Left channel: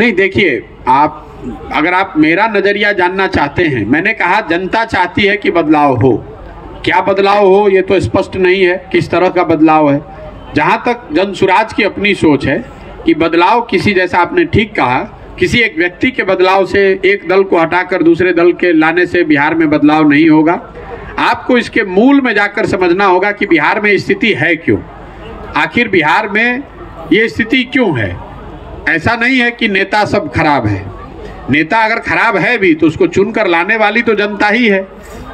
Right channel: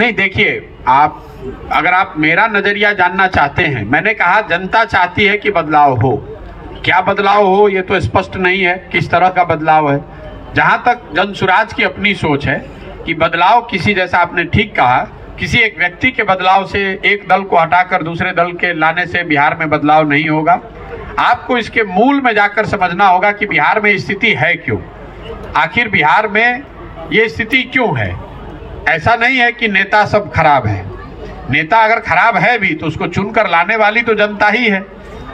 नहीं, देखिए, अगर आप मेरा नजरिया जानना चाहते हैं, मैंने कहा जनता चाहती है कि बदलाव हो। क्या बदलाव हो ये तो स्पष्ट नहीं है, किस तरह का बदलाव है। जहां तक जनसुराज की अपनी सोच है कि बदलाव किसी, जैसा आपने ठीक कहा, किसी एक व्यक्ति के बदलाव से, एक दल को हटाकर दूसरे दल के लाने से बिहार में बदलाव नहीं होगा। आपको इसके मूल में जाकर समझना होगा कि बिहार में स्थिति है क्यों, आखिर बिहार में ये स्थिति क्यों है। ऐसा नहीं है कि नेता सब खराब है। नेता अगर खराब है भी तो उसको चुनकर लाने वाली तो जनता ही है,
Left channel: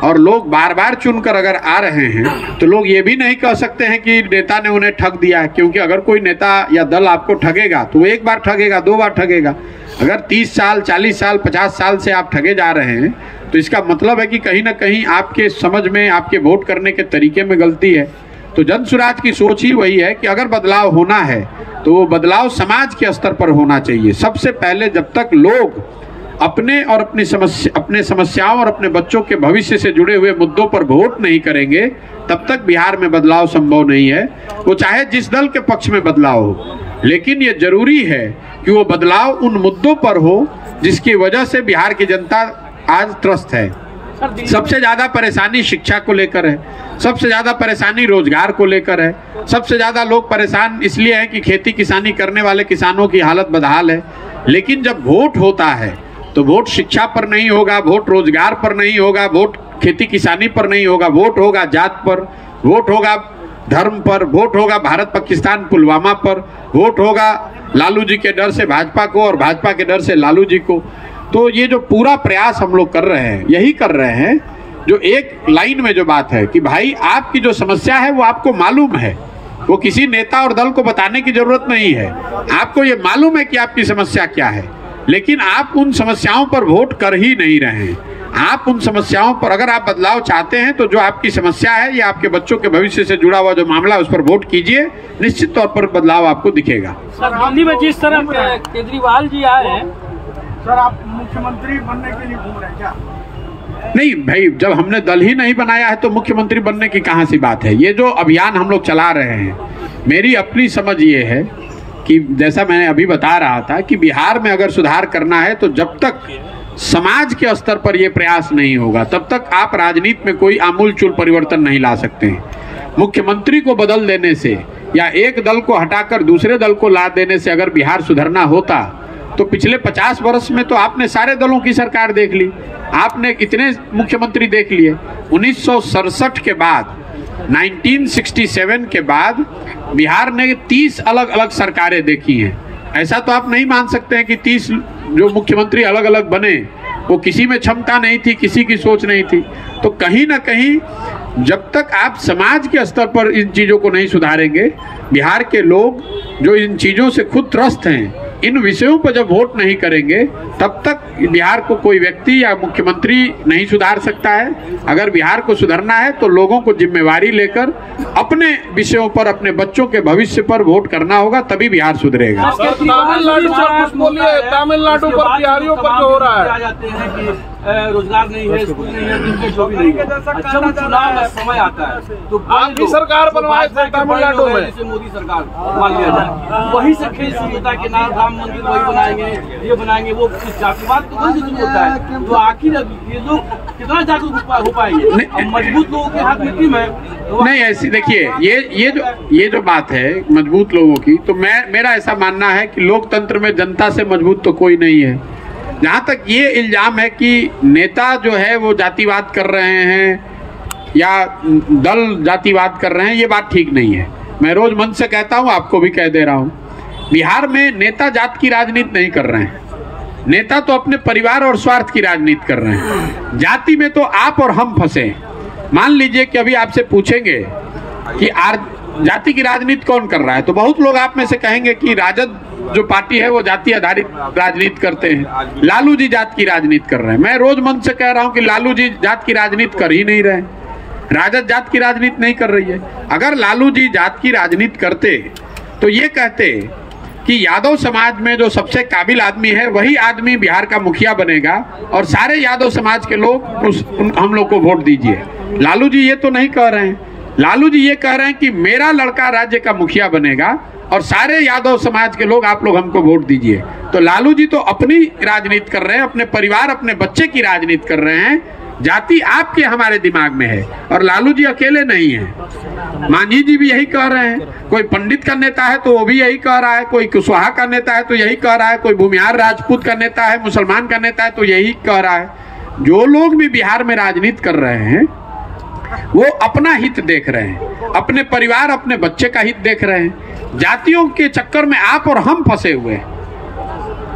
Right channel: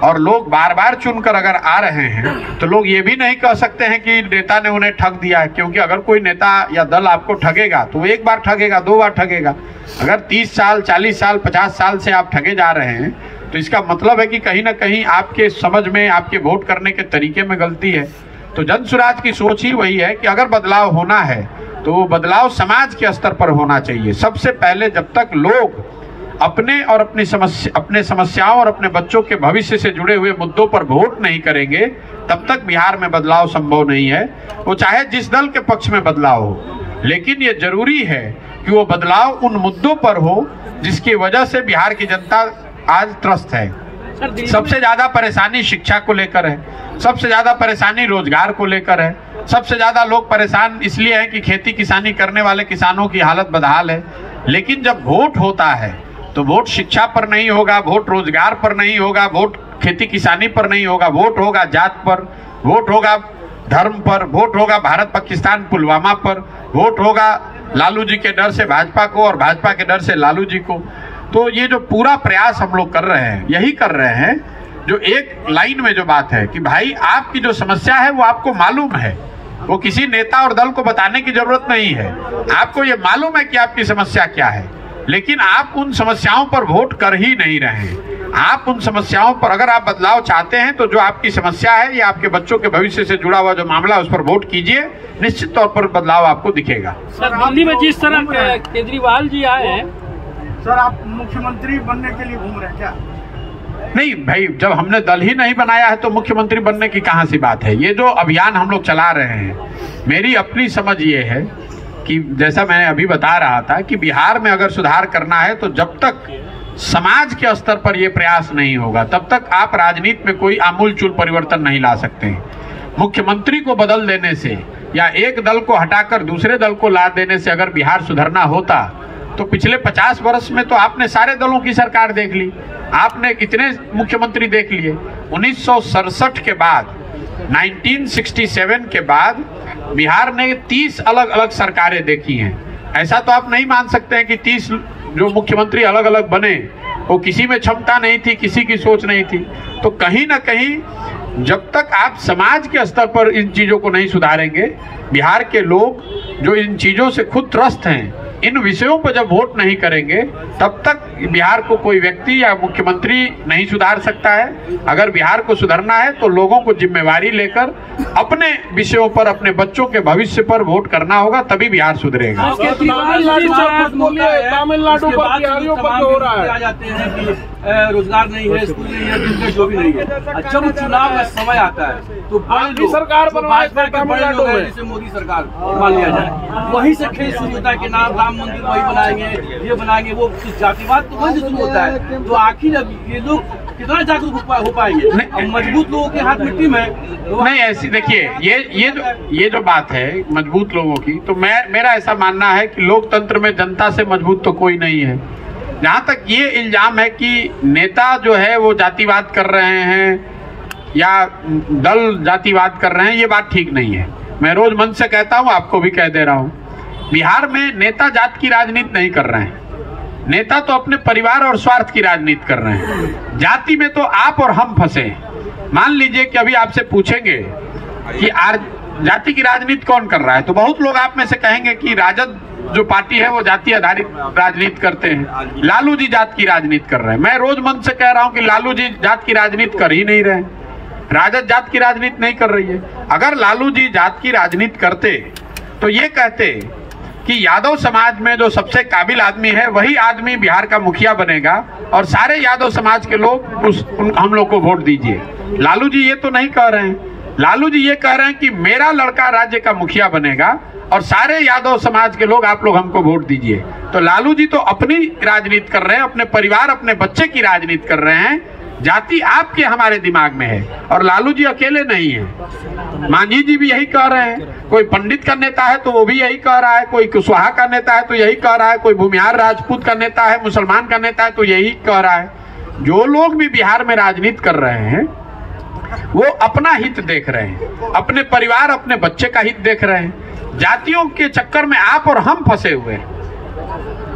और लोग बार बार चुनकर अगर आ रहे हैं तो लोग ये भी नहीं कह सकते हैं कि नेता ने उन्हें ठग दिया है, क्योंकि अगर कोई नेता या दल आपको ठगेगा तो एक बार ठगेगा, 2 बार ठगेगा। अगर 30 साल, 40 साल, 50 साल से आप ठगे जा रहे हैं तो इसका मतलब है कि कहीं ना कहीं आपके समझ में, आपके वोट करने के तरीके में गलती है। तो जनसुराज की सोच ही वही है कि अगर बदलाव होना है तो वो बदलाव समाज के स्तर पर होना चाहिए। सबसे पहले जब तक लोग अपने और अपने समस्याओं और अपने बच्चों के भविष्य से जुड़े हुए मुद्दों पर वोट नहीं करेंगे, तब तक बिहार में बदलाव संभव नहीं है। वो चाहे जिस दल के पक्ष में बदलाव हो, लेकिन ये जरूरी है कि वो बदलाव उन मुद्दों पर हो जिसकी वजह से बिहार की जनता आज त्रस्त है। सबसे ज्यादा परेशानी शिक्षा को लेकर है, सबसे ज्यादा परेशानी रोजगार को लेकर है, सबसे ज्यादा लोग परेशान इसलिए हैं कि खेती किसानी करने वाले किसानों की हालत बदहाल है। लेकिन जब वोट होता है तो वोट शिक्षा पर नहीं होगा, वोट रोजगार पर नहीं होगा, वोट खेती किसानी पर नहीं होगा, वोट होगा जात पर, वोट होगा धर्म पर, वोट होगा भारत पाकिस्तान पुलवामा पर, वोट होगा लालू जी के डर से भाजपा को और भाजपा के डर से लालू जी को। तो ये जो पूरा प्रयास हम लोग कर रहे हैं, यही कर रहे हैं जो एक लाइन में जो बात है कि भाई आपकी जो समस्या है वो आपको मालूम है, वो किसी नेता और दल को बताने की जरूरत नहीं है। आपको ये मालूम है कि आपकी समस्या क्या है, लेकिन आप उन समस्याओं पर वोट कर ही नहीं रहे हैं। आप उन समस्याओं पर अगर आप बदलाव चाहते हैं तो जो आपकी समस्या है या आपके बच्चों के भविष्य से जुड़ा हुआ जो मामला है उस पर वोट कीजिए, निश्चित तौर पर बदलाव आपको दिखेगा। सर, दिल्ली में जिस तरह केजरीवाल जी आए हैं, सर आप मुख्यमंत्री बनने के लिए घूम रहे हैं क्या? नहीं भाई, जब हमने दल ही नहीं बनाया है तो मुख्यमंत्री बनने की कहां सी बात है। ये जो अभियान हम लोग चला रहे हैं, मेरी अपनी समझ ये है कि जैसा मैंने अभी बता रहा था कि बिहार में अगर सुधार करना है तो जब तक समाज के स्तर पर यह प्रयास नहीं होगा तब तक आप राजनीति में कोई आमूलचूल परिवर्तन नहीं ला सकते हैं। मुख्यमंत्री को बदल देने से या एक दल को हटाकर दूसरे दल को ला देने से अगर बिहार सुधरना होता तो पिछले 50 वर्ष में तो आपने सारे दलों की सरकार देख ली, आपने कितने मुख्यमंत्री देख लिए। 1967 के बाद, 1967 के बाद बिहार ने 30 अलग अलग सरकारें देखी हैं। ऐसा तो आप नहीं मान सकते हैं कि 30 जो मुख्यमंत्री अलग अलग बने वो किसी में क्षमता नहीं थी, किसी की सोच नहीं थी। तो कहीं ना कहीं जब तक आप समाज के स्तर पर इन चीजों को नहीं सुधारेंगे, बिहार के लोग जो इन चीजों से खुद त्रस्त हैं, इन विषयों पर जब वोट नहीं करेंगे तब तक बिहार को कोई व्यक्ति या मुख्यमंत्री नहीं सुधार सकता है। अगर बिहार को सुधारना है तो लोगों को जिम्मेवारी लेकर अपने विषयों पर, अपने बच्चों के भविष्य पर वोट करना होगा, तभी बिहार सुधरेगा। तमिलनाडु पर बिहारियों पर जो हो रहा है, रोजगार नहीं है, स्कूल नहीं है, बिजनेस जो भी नहीं है। अच्छा, वो चुनाव का समय आता है तो आपकी सरकार बनवाए तमिलनाडु में, जैसे मोदी सरकार मान लिया जाए, वही से खेल शुरू होता है कि नाम राम मंदिर वही बनाएंगे, ये बनाएंगे, वो जातिवाद तो वही से शुरू होता है। तो आखिर ये लोग कितना जागरूक हो पाएंगे? मजबूत लोगों के हाथ मिट्टी में तो नहीं। ऐसी देखिए, ये जो बात है मजबूत लोगों की, तो मेरा ऐसा मानना है कि लोकतंत्र में जनता से मजबूत तो कोई नहीं है। जहां तक ये इल्जाम है कि नेता जो है वो जातिवाद कर रहे हैं या दल जातिवाद कर रहे हैं, ये बात ठीक नहीं है। मैं रोज मन से कहता हूं, आपको भी कह दे रहा हूं, बिहार में नेता जात की राजनीति नहीं कर रहे हैं। नेता तो अपने परिवार और स्वार्थ की राजनीति कर रहे हैं। जाति में तो आप और हम फंसे। मान लीजिए कि अभी आपसे पूछेंगे कि जाति की राजनीति कौन कर रहा है, तो बहुत लोग आप में से कहेंगे कि राजद जो पार्टी है वो जाति आधारित राजनीति करते हैं, लालू जी जात की राजनीति कर रहे हैं। मैं रोज मन से कह रहा हूं कि लालू जी जात की राजनीति कर ही नहीं रहे, राजद जात की राजनीति नहीं कर रही है। अगर लालू जी जात की राजनीति करते तो ये कहते कि यादव समाज में जो सबसे काबिल आदमी है वही आदमी बिहार का मुखिया बनेगा और सारे यादव समाज के लोग हम लोग को वोट दीजिए। लालू जी ये तो नहीं कह रहे हैं। लालू जी ये कह रहे हैं कि मेरा लड़का राज्य का मुखिया बनेगा और सारे यादव समाज के लोग आप लोग हमको वोट दीजिए। तो लालू जी तो अपनी राजनीति कर रहे हैं, अपने परिवार अपने बच्चे की राजनीति कर रहे हैं। जाति आपके हमारे दिमाग में है और लालू जी अकेले नहीं है, मांझी जी भी यही कह रहे हैं। कोई पंडित का नेता है तो वो भी यही कह रहा है, कोई कुशवाहा का नेता है तो यही कह रहा है, कोई भूमिहार राजपूत का नेता है, मुसलमान का नेता है तो यही कह रहा है। जो लोग भी बिहार में राजनीति कर रहे हैं वो अपना हित देख रहे हैं, अपने परिवार अपने बच्चे का हित देख रहे हैं। जातियों के चक्कर में आप और हम फंसे हुए हैं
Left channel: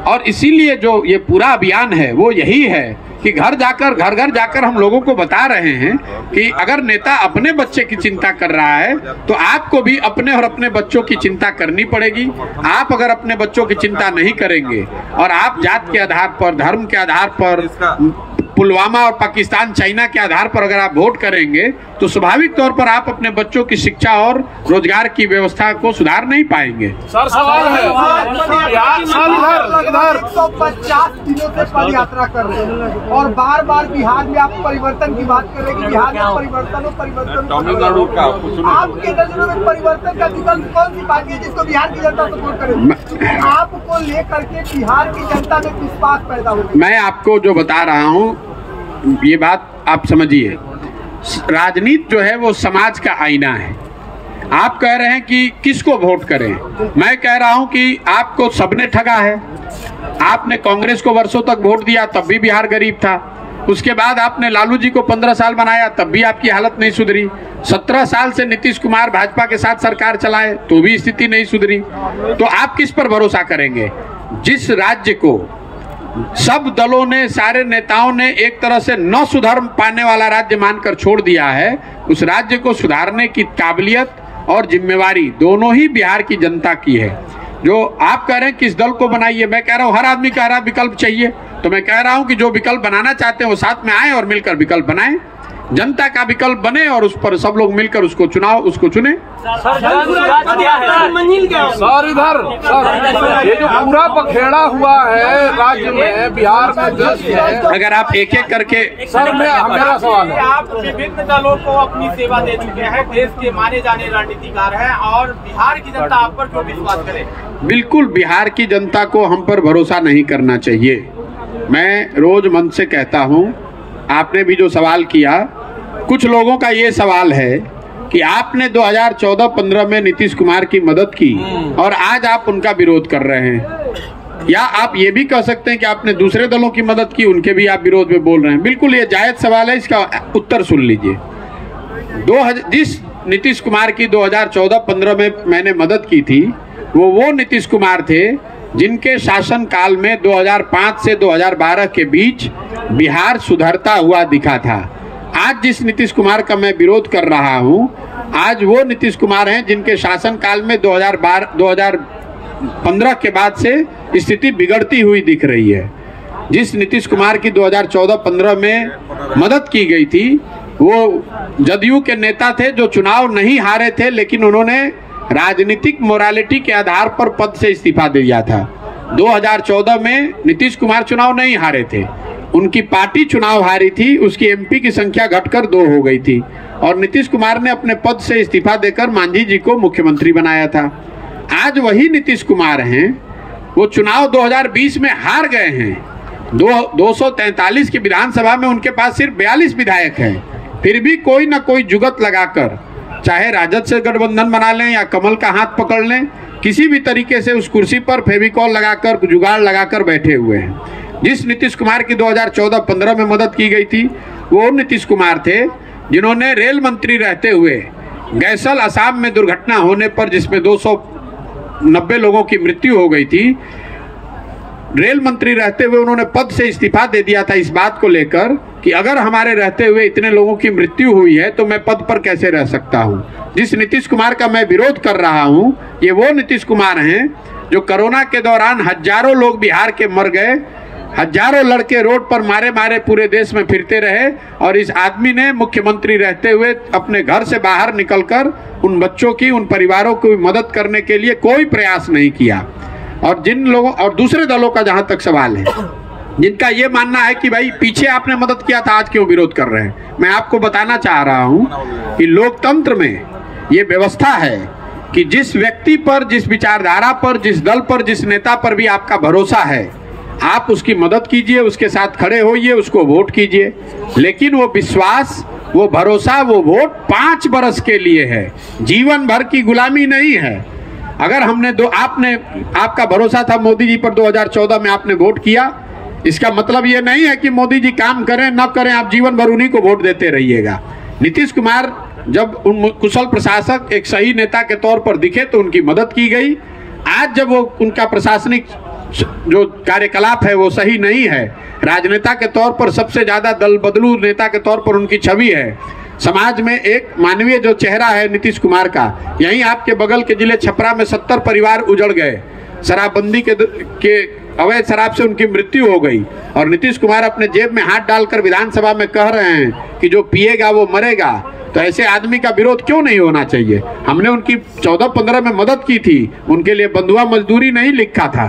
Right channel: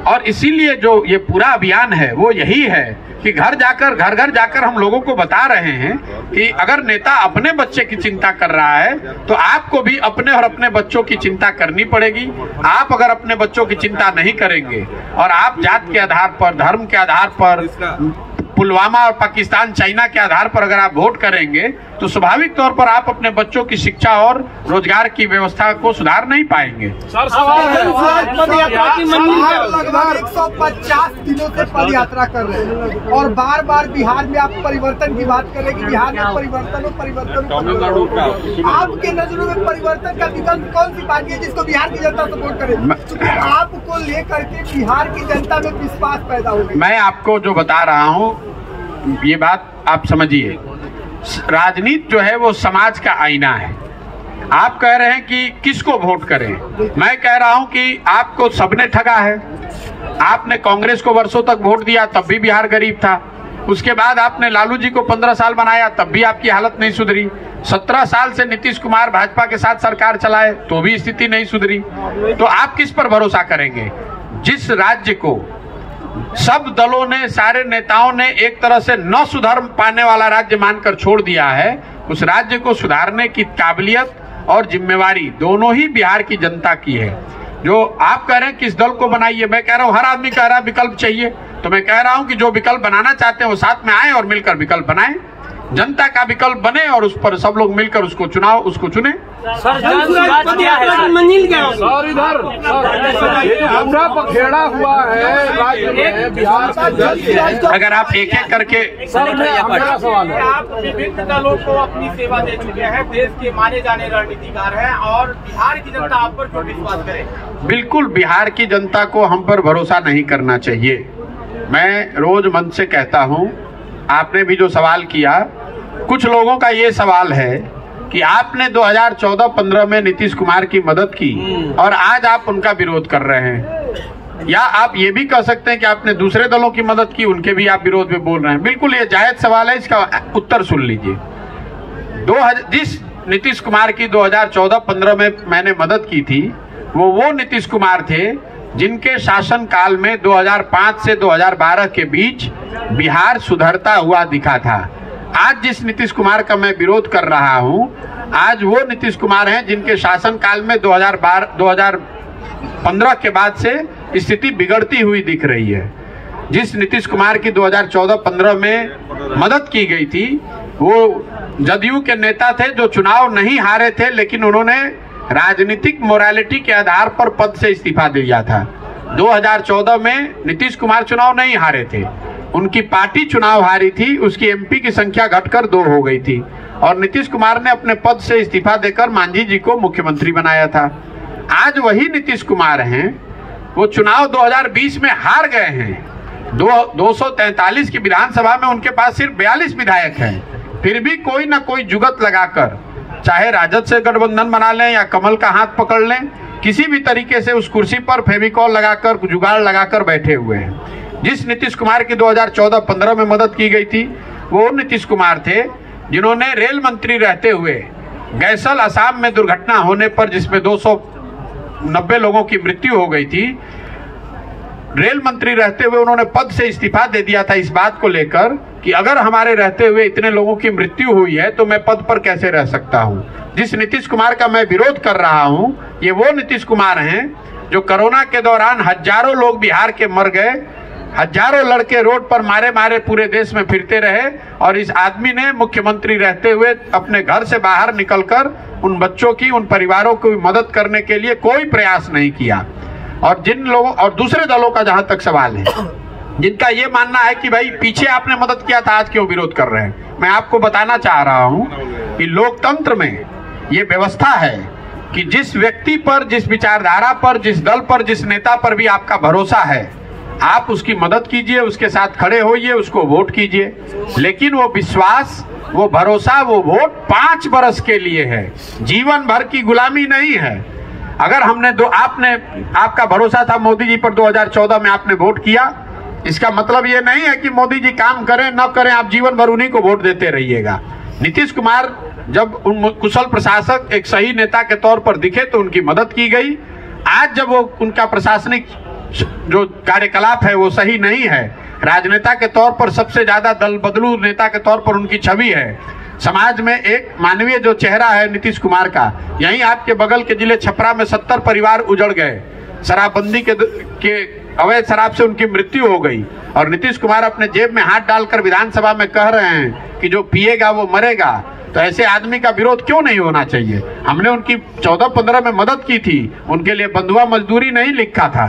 और इसीलिए जो ये पूरा अभियान है वो यही है कि घर घर जाकर हम लोगों को बता रहे हैं कि अगर नेता अपने बच्चे की चिंता कर रहा है तो आपको भी अपने और अपने बच्चों की चिंता करनी पड़ेगी। आप अगर अपने बच्चों की चिंता नहीं करेंगे और आप जात के आधार पर, धर्म के आधार पर, पुलवामा और पाकिस्तान चाइना के आधार पर अगर आप वोट करेंगे तो स्वाभाविक तौर पर आप अपने बच्चों की शिक्षा और रोजगार की व्यवस्था को सुधार नहीं पाएंगे। सर सवाल है, 150 दिनों से पद यात्रा कर रहे हैं और बार बार बिहार में आप परिवर्तन की बात कर रहे हैं कि बिहार में परिवर्तन आपके नजरों में परिवर्तन का विकल्प कौन सी पार्टी है जिसको बिहार की जनता सपोर्ट करेगी? आपको लेकर के बिहार की जनता में विश्वास पैदा हो गया। मैं आपको जो बता रहा हूँ ये बात आप समझिए, राजनीति जो है वो समाज का आईना है। आप कह रहे हैं कि किसको वोट करें, मैं कह रहा हूं कि आपको सबने ठगा है। आपने कांग्रेस को वर्षों तक वोट दिया तब भी बिहार गरीब था, उसके बाद आपने लालू जी को 15 साल बनाया तब भी आपकी हालत नहीं सुधरी। 17 साल से नीतीश कुमार भाजपा के साथ सरकार चलाए तो भी स्थिति नहीं सुधरी। तो आप किस पर भरोसा करेंगे? जिस राज्य को सब दलों ने, सारे नेताओं ने एक तरह से न सुधर पाने वाला राज्य मानकर छोड़ दिया है, उस राज्य को सुधारने की काबिलियत और जिम्मेवारी दोनों ही बिहार की जनता की है। जो आप कह रहे हैं किस दल को बनाइए, मैं कह रहा हूं हर आदमी कह रहा है विकल्प चाहिए, तो मैं कह रहा हूं कि जो विकल्प बनाना चाहते हैं वो साथ में आए और मिलकर विकल्प बनाएं, जनता का विकल्प बने और उस पर सब लोग मिलकर उसको चुने। सर इधर ये जो पूरा पखेड़ा हुआ है राज्य में, बिहार में जज है, अगर आप एक एक करके, सर मेरा सवाल है, आप विभिन्न दलों को अपनी सेवा दे चुके हैं, देश के माने जाने रणनीतिकार हैं और बिहार की जनता आप पर क्यों विश्वास करे? बिल्कुल बिहार की जनता को हम पर भरोसा नहीं करना चाहिए। मैं रोज मन से कहता हूं, आपने भी जो सवाल किया, कुछ लोगों का ये सवाल है कि आपने 2014-15 में नीतीश कुमार की मदद की और आज आप उनका विरोध कर रहे हैं, या आप ये भी कह सकते हैं कि आपने दूसरे दलों की मदद की, उनके भी आप विरोध में बोल रहे हैं। बिल्कुल ये जायज सवाल है, इसका उत्तर सुन लीजिए। जिस नीतीश कुमार की 2014-15 में मैंने मदद की थी वो नीतीश कुमार थे जिनके शासन काल में 2005 से 2012 के बीच बिहार सुधरता हुआ दिखा था। आज जिस नीतीश कुमार का मैं विरोध कर रहा हूं, आज वो नीतीश कुमार हैं जिनके शासन काल में 2015 के बाद से स्थिति बिगड़ती हुई दिख रही है। जिस नीतीश कुमार की 2014-15 में मदद की गई थी वो जदयू के नेता थे जो चुनाव नहीं हारे थे, लेकिन उन्होंने राजनीतिक मोरालिटी के आधार पर पद से इस्तीफा दिया था। 2014 में नीतीश कुमार चुनाव नहीं हारे थे, उनकी पार्टी चुनाव हारी थी, उसकी एमपी की संख्या घटकर 2 हो गई थी और नीतीश कुमार ने अपने पद से इस्तीफा देकर मांझी जी को मुख्यमंत्री बनाया था। आज वही नीतीश कुमार हैं, वो चुनाव 2020 में हार गए हैं। 243 की विधानसभा में उनके पास सिर्फ 42 विधायक हैं, फिर भी कोई ना कोई जुगत लगाकर, चाहे राजद से गठबंधन बना लें या कमल का हाथ पकड़ लें, किसी भी तरीके से उस कुर्सी पर फेविकॉल लगाकर, जुगाड़ लगाकर बैठे हुए हैं। जिस नीतीश कुमार की 2014-15 में मदद की गई थी वो नीतीश कुमार थे जिन्होंने रेल मंत्री रहते हुए गैसल असम में दुर्घटना होने पर, जिसमें 290 लोगों की मृत्यु हो गई थी, रेल मंत्री रहते हुए उन्होंने पद से इस्तीफा दे दिया था इस बात को लेकर कि अगर हमारे रहते हुए इतने लोगों की मृत्यु हुई है तो मैं पद पर कैसे रह सकता हूं। जिस नीतीश कुमार का मैं विरोध कर रहा हूं, ये वो नीतीश कुमार हैं जो कोरोना के दौरान हजारों लोग बिहार के मर गए, हजारों लड़के रोड पर मारे मारे पूरे देश में फिरते रहे और इस आदमी ने मुख्यमंत्री रहते हुए अपने घर से बाहर निकलकर उन बच्चों की, उन परिवारों की मदद करने के लिए कोई प्रयास नहीं किया। और जिन लोगों और दूसरे दलों का जहां तक सवाल है, जिनका ये मानना है कि भाई पीछे आपने मदद किया था, आज क्यों विरोध कर रहे हैं, मैं आपको बताना चाह रहा हूं कि लोकतंत्र में ये व्यवस्था है कि जिस व्यक्ति पर, जिस विचारधारा पर, जिस दल पर, जिस नेता पर भी आपका भरोसा है, आप उसकी मदद कीजिए, उसके साथ खड़े होइए, उसको वोट कीजिए। लेकिन वो विश्वास, वो भरोसा, वो वोट 5 बरस के लिए है, जीवन भर की गुलामी नहीं है। अगर आपका भरोसा था मोदी जी पर 2014 में, आपने वोट किया, इसका मतलब ये नहीं है कि मोदी जी काम करें न करें, आप जीवन भर उन्हीं को वोट देते रहिएगा। नीतीश कुमार जब कुशल प्रशासक, एक सही नेता के तौर पर दिखे तो उनकी मदद की गई। आज जब वो उनका प्रशासनिक जो कार्यकलाप है वो सही नहीं है, राजनेता के तौर पर सबसे ज्यादा दल बदलू नेता के तौर पर उनकी छवि है, समाज में एक मानवीय जो चेहरा है नीतीश कुमार का, यहीं आपके बगल के जिले छपरा में 70 परिवार उजड़ गए, शराबबंदी के अवैध शराब से उनकी मृत्यु हो गई, और नीतीश कुमार अपने जेब में हाथ डालकर विधानसभा में कह रहे हैं कि जो पिएगा वो मरेगा। तो ऐसे आदमी का विरोध क्यों नहीं होना चाहिए? हमने उनकी 14-15 में मदद की थी, उनके लिए बंधुआ मजदूरी नहीं लिखा था।